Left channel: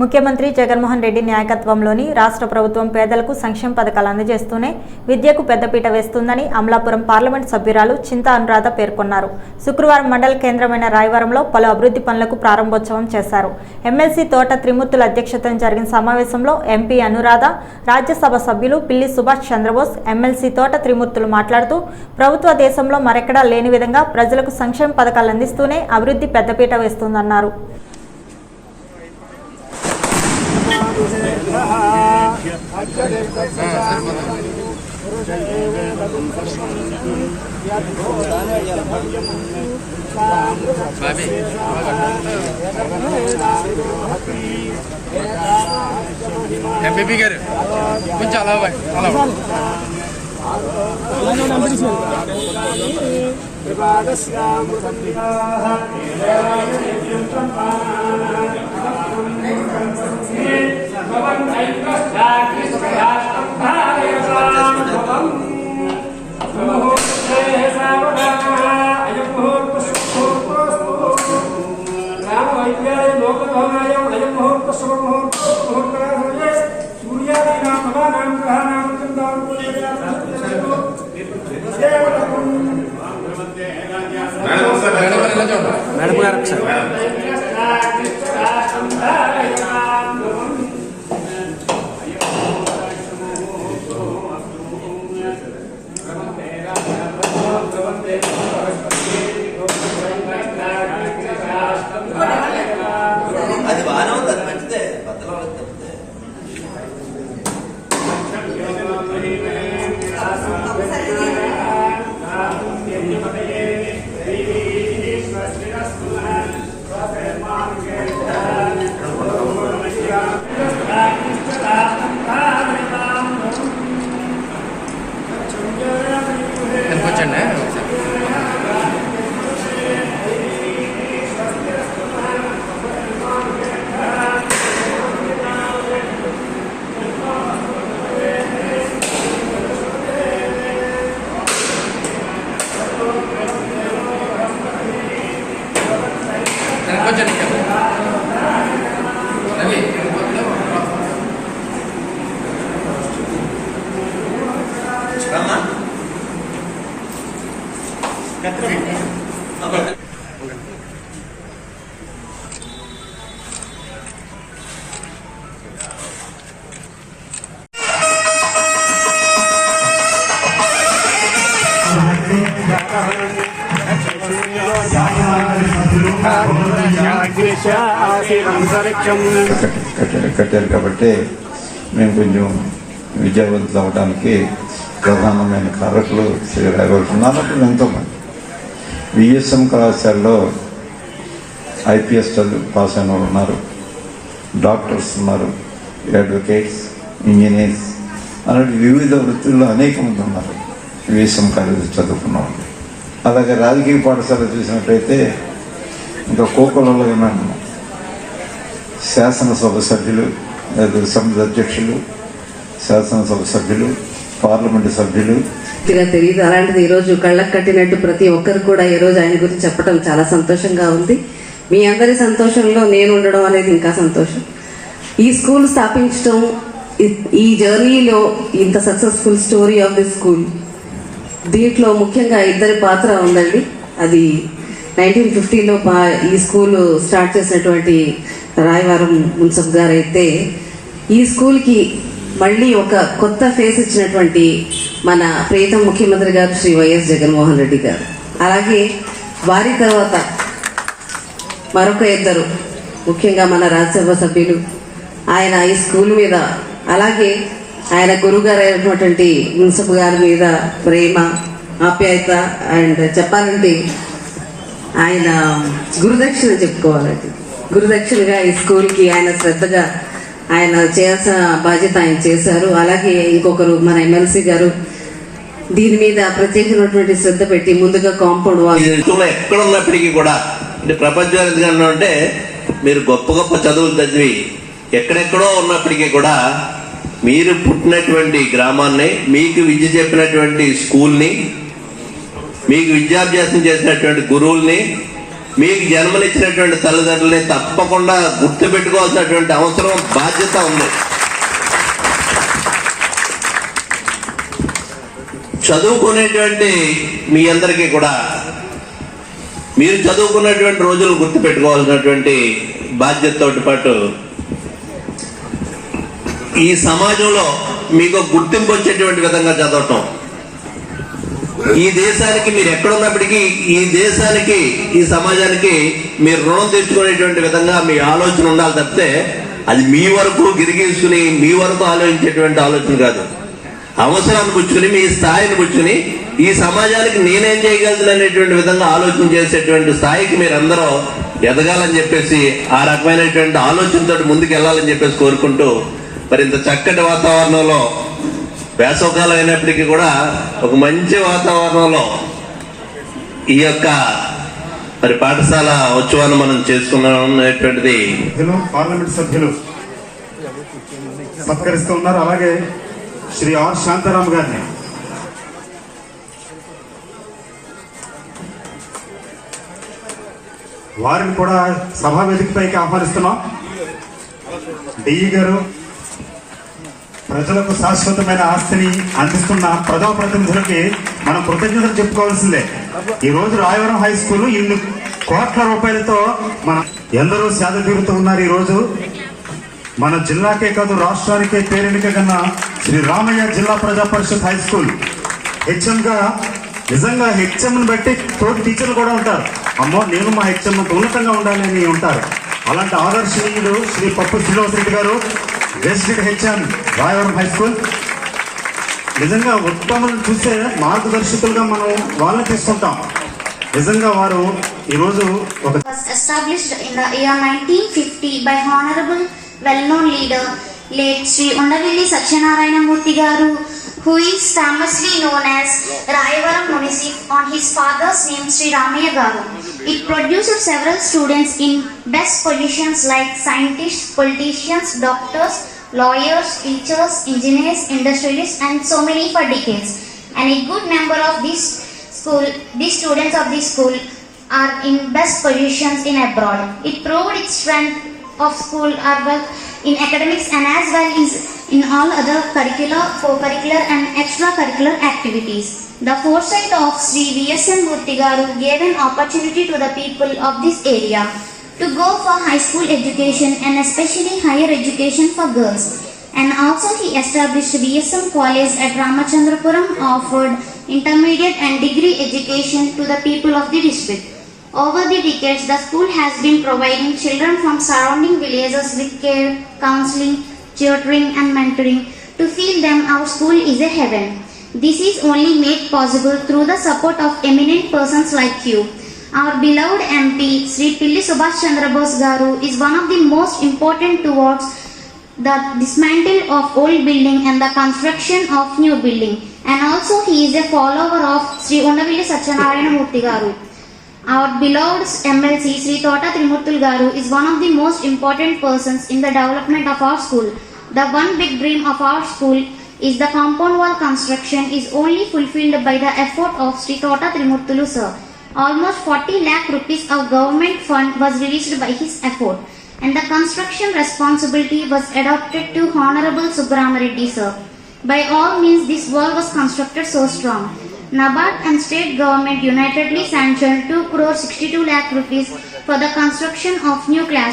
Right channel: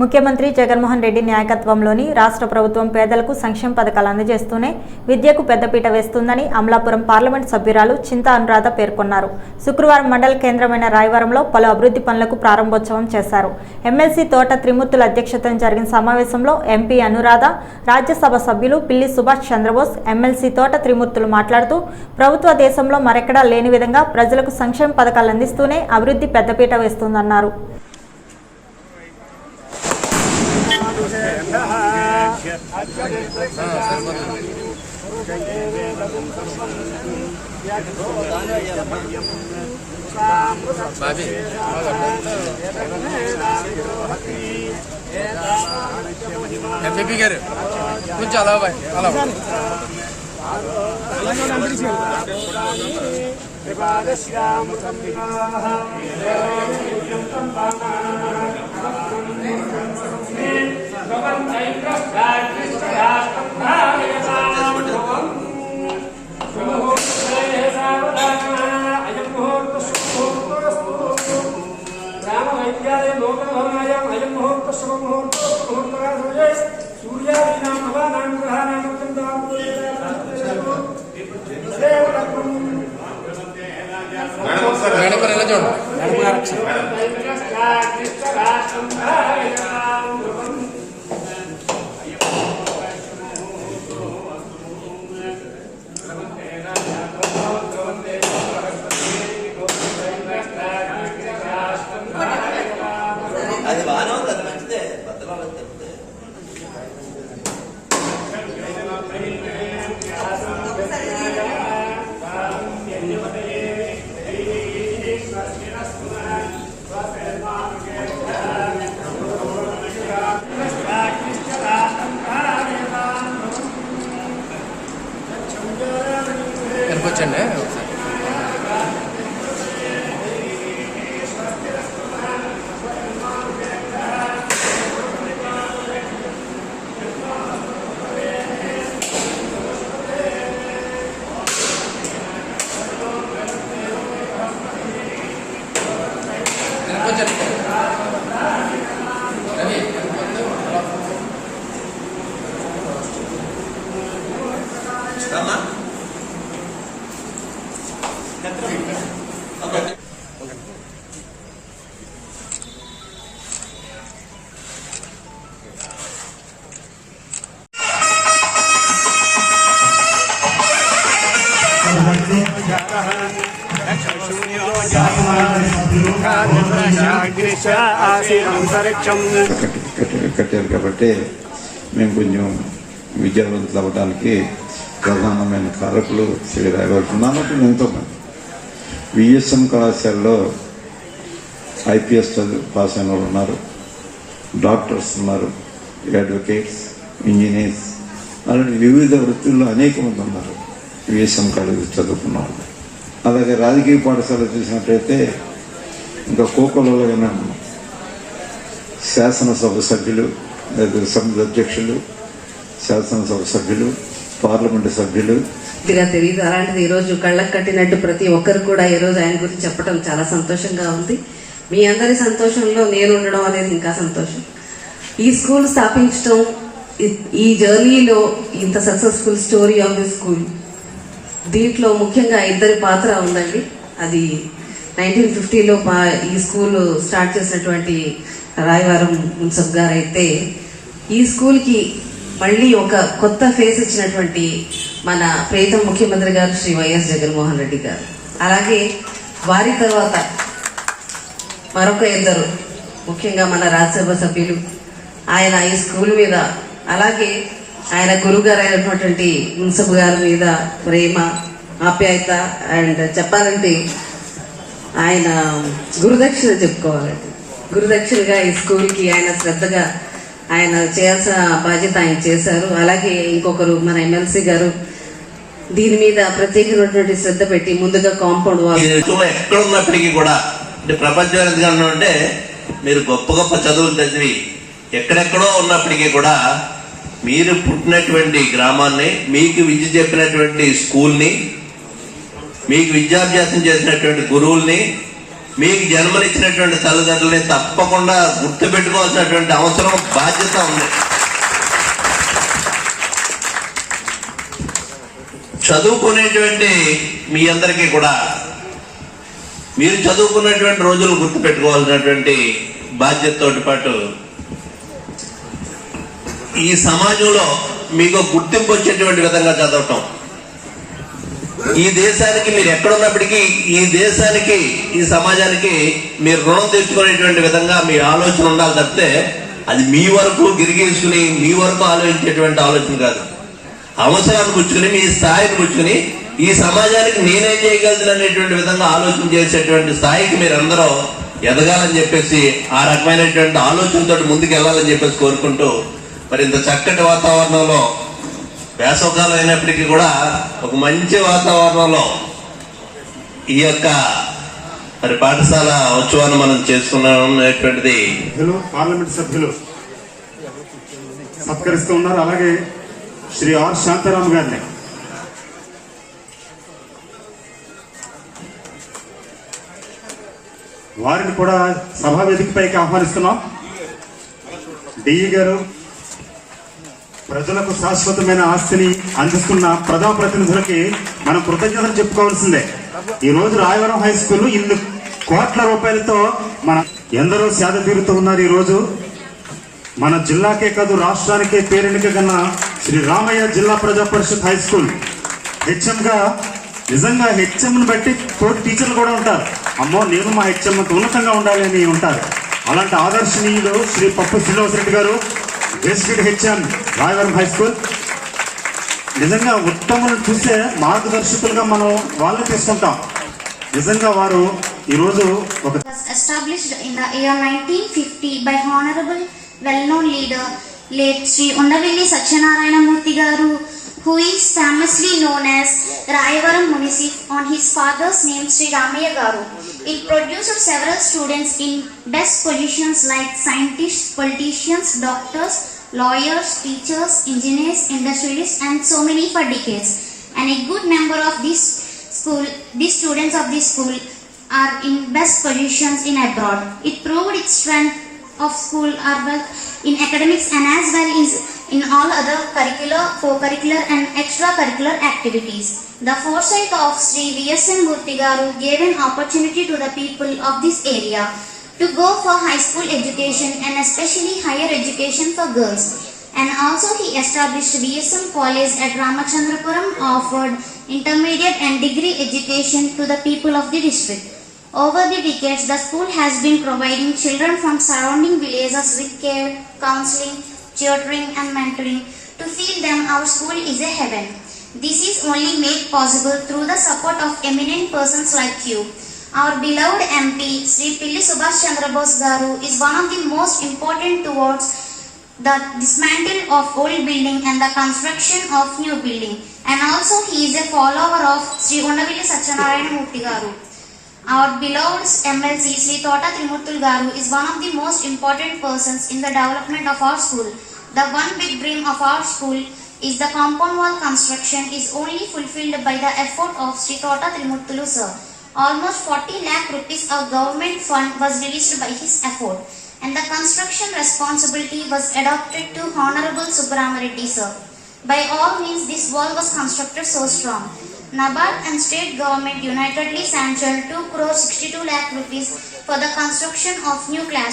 ముఖ్యమంత్రి జగన్మోహన్ రెడ్డి నాయకత్వంలోని రాష్ట్ర ప్రభుత్వం పేదలకు సంక్షేమ పథకాలు అందజేస్తూనే విద్యకు పెద్దపీట వేస్తుందని అమలాపురం పార్లమెంట్ సభ్యురాలు చింతా అనురాధ పేర్కొన్నారు. శుక్రవారం మండల కేంద్రమైన రాయవరంలో పలు అభివృద్ధి పనులకు ప్రారంభోత్సవం చేశారు. ఎమ్మెల్సీ తోట త్రిమూర్తుల అధ్యక్షతన జరిగిన సమావేశంలో ఎంపీ అనురాధ, రాజ్యసభ సభ్యులు పిల్లి సుభాష్ చంద్రబోస్, ఎమ్మెల్సీ తోట త్రిమూర్తులు మాట్లాడుతూ ప్రభుత్వ దేశంలో మరెక్కడా లేని విధంగా ప్రజలకు సంక్షేమ పథకాలు అందిస్తూనే అభివృద్ధి పెద్దపీట వేస్తుందన్నారు. మేడం గారు అది బాగానే ఉంది, అది మంచిదే. బద్దలో చెప్తే కట్టారు కాబట్టి మేము కొంచెం విద్యావంతులు అవడానికి ప్రధానమైన కారకులు శ్రీ రాఘవుతున్నారు. ఎంతోమంది విఎస్ఎం కళాశాలలో ఐపీఎస్ పాస్ అయిన వాళ్ళు ఉన్నారు, డాక్టర్స్ ఉన్నారు, అడ్వకేట్స్, ఇంజనీర్స్ అలాంటి వివిధ వృత్తుల్లో అనేక మంది ఉన్నారు విఎస్ఎం కాలేజీ చదువుకున్న వాళ్ళు. అలాగే రాజకీయ పాఠశాల చూసినట్లయితే ఇంకా కోకలలో విన్నాను శాసనసభ సభ్యులు, సమితి అధ్యక్షులు, శాసనసభ సభ్యులు, పార్లమెంటు సభ్యులు తెలియదు. అలాంటిది ఈరోజు కళ్ళకు కట్టినట్టు ప్రతి ఒక్కరు కూడా ఈరోజు ఆయన గురించి చెప్పడం చాలా సంతోషంగా ఉంది. మీ అందరి సంతోషంలో నేను ఉండడం అనేది ఇంకా సంతోషం. ఈ స్కూల్ స్థాపించడం, ఈ జర్నీలో ఇంత successful story of the school, దీంట్లో ముఖ్యంగా ఇద్దరి పాత్ర ఉందండి. అది 1950లో ఈ స్కూల్ స్టార్ట్ చేసినటువంటి రాయవరం మున్సిపల్ గారు అయితే, ఈ స్కూల్కి మళ్ళీ ఒక కొత్త ఫేస్ ఇచ్చినటువంటి మన ప్రియతమ ముఖ్యమంత్రి గారు శ్రీ వైఎస్ జగన్మోహన్ రెడ్డి గారు. అలాగే వారి తర్వాత మరొక ఇద్దరు, ముఖ్యంగా మన రాజ్యసభ సభ్యులు, ఆయన ఈ స్కూల్ మీద, అలాగే ఆయన గురుగారు అయినటువంటి మున్సిపల్ గారి మీద ప్రేమ, ఆప్యాయత, అండ్ చెప్పాలంటే ఆయన గురుదక్షిణ చెప్పుకోవాలండి. గురుదక్షిణగా ఈ స్కూల్కి ఆయన శ్రద్ధగా ఆయన చేయాల్సిన బాధ్యత ఆయన చేశారు. అలాగే ఇంకొకరు మన ఎమ్మెల్సీ గారు దీని మీద ప్రత్యేకమైనటువంటి శ్రద్ధ పెట్టి ముందుగా కాంపౌండ్ వాల్ ఎక్కడ ఉన్నప్పటికీ కూడా, అంటే ప్రపంచం ఎందుకన్నా అంటే మీరు గొప్ప గొప్ప చదువులు చదివి ఎక్కడెక్కడో ఉన్నప్పటికీ కూడా మీరు పుట్టినటువంటి గ్రామాన్ని, మీకు విద్య చెప్పినటువంటి స్కూల్ని, మీకు విద్యాభ్యాసం చేసినటువంటి గురువుల్ని మీకు జన్మనిచ్చినటువంటి తల్లిదండ్రులని తప్పకుండా గుర్తుపెట్టుకోవాల్సినటువంటి అవసరం, బాధ్యత ఉంది. చదువుకునేటువంటి మీ అందరికీ కూడా మీరు చదువుకున్నటువంటి రోజులు గుర్తుపెట్టుకోవాల్సినటువంటి బాధ్యతతో పాటు ఈ సమాజంలో మీకు గుర్తింపు వచ్చేటువంటి విధంగా చదవటం, ఈ దేశానికి మీరు ఎక్కడున్నప్పటికీ ఈ దేశానికి ఈ సమాజానికి మీరు రుణం తెచ్చుకునేటువంటి విధంగా మీ ఆలోచన ఉండాలి తప్పితే అది మీ వరకు గిరిగీసుకుని మీ వరకు ఆలోచించేటువంటి ఆలోచన కాదు. అవసరాన్ని పుచ్చుకుని మీ స్థాయిని పుచ్చుకుని ఈ సమాజానికి నేనేం చేయగలను అనేటువంటి విధంగా ఆలోచన చేసేటువంటి స్థాయికి మీరందరూ ఎదగాలని చెప్పేసి ఆ రకమైనటువంటి ఆలోచనతో ముందుకు వెళ్ళాలని చెప్పేసి కోరుకుంటూ, మరి ఇంత చక్కటి వాతావరణంలో వేసవకాలం అయినప్పటికీ కూడా ఒక మంచి వాతావరణంలో ఈ యొక్క మరి పాఠశాల ఉత్సవాన్ని మనం చేసుకున్నాం అనేటువంటిది పార్లమెంట్ సభ్యులు సత్కరిస్తూ ఉన్నారు. అలాగే శ్రీ ఆర్ శాంతారాం గారిని వారిని కూడా సభా వేదికపైకి ఆహ్వానిస్తున్నాం. డిఈ గారు ప్రజలకు శాశ్వతమైన ఆస్తిని అందిస్తున్న ప్రథమ ప్రతినిధులకి మనం కృతజ్ఞతలు చెప్పుకోవాల్సిందే. ఈ రోజు రాయవరం హై స్కూల్ ఇన్ని కోట్ల రూపాయలతో మన ఎందరో సేద తీరుతూ ఉన్నారు. ఈ రోజు మన జిల్లాకే కాదు రాష్ట్రానికే పేరెన్నిక కన్నా శ్రీ రామయ్య జిల్లా ప్రజా పరిషత్ హై స్కూల్ హెచ్ఎం గా నిజంగా హెచ్ఎం ని బట్టి తోటి టీచర్లు కూడా ఉంటారు. అమ్మో నేను మా హెచ్ఎం ఉన్నతంగా ఉండాలి అని ఉంటారు. అలాంటి ఆదర్శనీయులు శ్రీ పప్పు శ్రీనివాస్ రెడ్డి గారు, గెస్టెడ్ హెచ్ఎం రాయవరం హై స్కూల్. నిజంగా ఉత్తమను చూస్తే మార్గదర్శకులుగా మనం వాళ్ళని తీసుకుంటాం. నిజంగా వారు ఈ రోజు ఒక established in the year 1950 by honorable well-known leader late Sri Undavelli Satyanarayana Murthy Garu, who is famously known as Rayavaram Municip on his father's name Sri Ramaya Garu. It produced several students in best positions like scientists, politicians, doctors, lawyers, teachers, engineers, industrialists, and so many for decades. And a good number of these students of this school are in best positions in abroad. It proved its strength of school are well in academics and as well as in all other curricular, co-curricular and extracurricular activities. The foresight of Sri VSM Murthy Garu gave an opportunity to the people of this area to go for high school education and especially higher education for girls. And also he established VSM College at Ramachandrapuram, offered intermediate and degree education to the people of the district. Over the decades, the school has been providing children from surrounding villages with care, counseling, tutoring and mentoring to feel them our school is a heaven. This is only made possible through the support of eminent persons like you. Our beloved MP, Sri Pilli Subhash Chandra Bose Garu, is one of the most important towards the dismantle of old building and the construction of new building. And also he is a follower of Sri Undavelli Satyanarayana Murthy Garu. Our beloved MLC Sri Tota Trimurthul Garu is one of the most important persons in the development of our school. The one big dream of our school is the compound wall construction is only fulfilled by the effort of Sri Tota Trimurthulu sir. Almost 40 lakh rupees of government fund was released by his effort, and the construction responsibility was adopted to Honorable Subramanian Reddy sir. By all means, this wall was constructed so strong. NABARD and state government unitedly sanctioned 2 crore 62 lakh rupees for the construction of new classrooms.